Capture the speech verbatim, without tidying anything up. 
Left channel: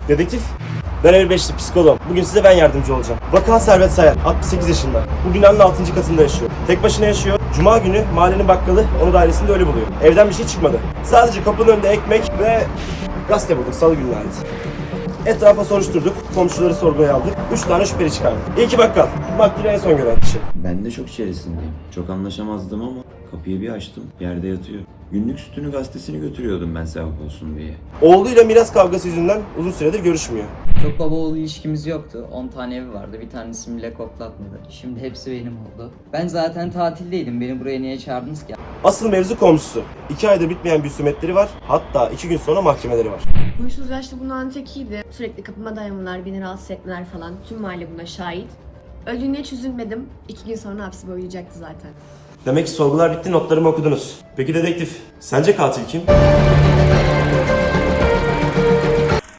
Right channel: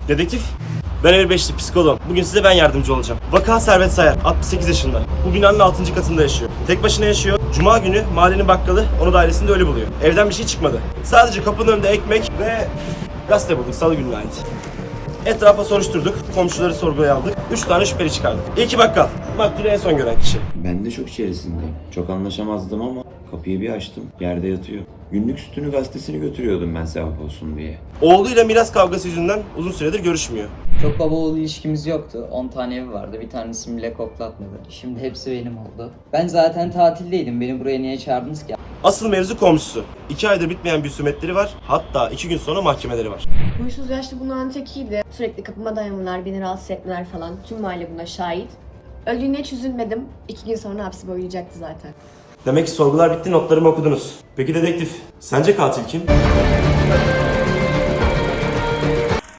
Dedektif, ben elli beşli psikoloğum. Bugün size ben yardımcı olacağım. Vaka Servet Sayar, altmış sekiz yaşında. Bu binanın altıncı katında yaşıyor. Tek başına yaşıyor. Cuma günü mahallenin bakkalı onu dairesinde ölü buluyor. Evden bir şey çıkmadı. Sadece kapının önünde ekmek ve gazete bulduk, salı gününe ait. Etrafa soruşturduk, komşuları sorguya aldık. Üç tane şüpheli çıkardık. İlki bakkal, maktulü en son gören kişi. Ben de şok içerisindeyim. Çok anlaşamazdım ama kapıyı bir açtım. Yerde yatıyor. Günlük sütünü gazetesini götürüyordum ben sevap olsun diye. Oğluyla miras kavgası yüzünden uzun süredir görüşmüyor. Çok baba oğul ilişkimiz yoktu. on tane evi vardı. Bir tanesini bile koklatmadı. Şimdi hepsi benim oldu. Ben zaten tatildeydim. Beni buraya niye çağırdınız ki? Asıl mevzu komşusu. İki aydır bitmeyen bir husumetleri var. Hatta iki gün sonra mahkemeleri var. Huysuz yaşlı bunların tekiydi. Sürekli kapıma dayanmalar, beni rahatsız etmeler falan. Tüm mahalle buna şahit. Öldüğüne hiç üzülmedim. İki gün sonra hapsi boylayacaktı zaten. Demek ki sorgular bitti, notlarımı okudunuz. Peki dedektif, sence katil kim?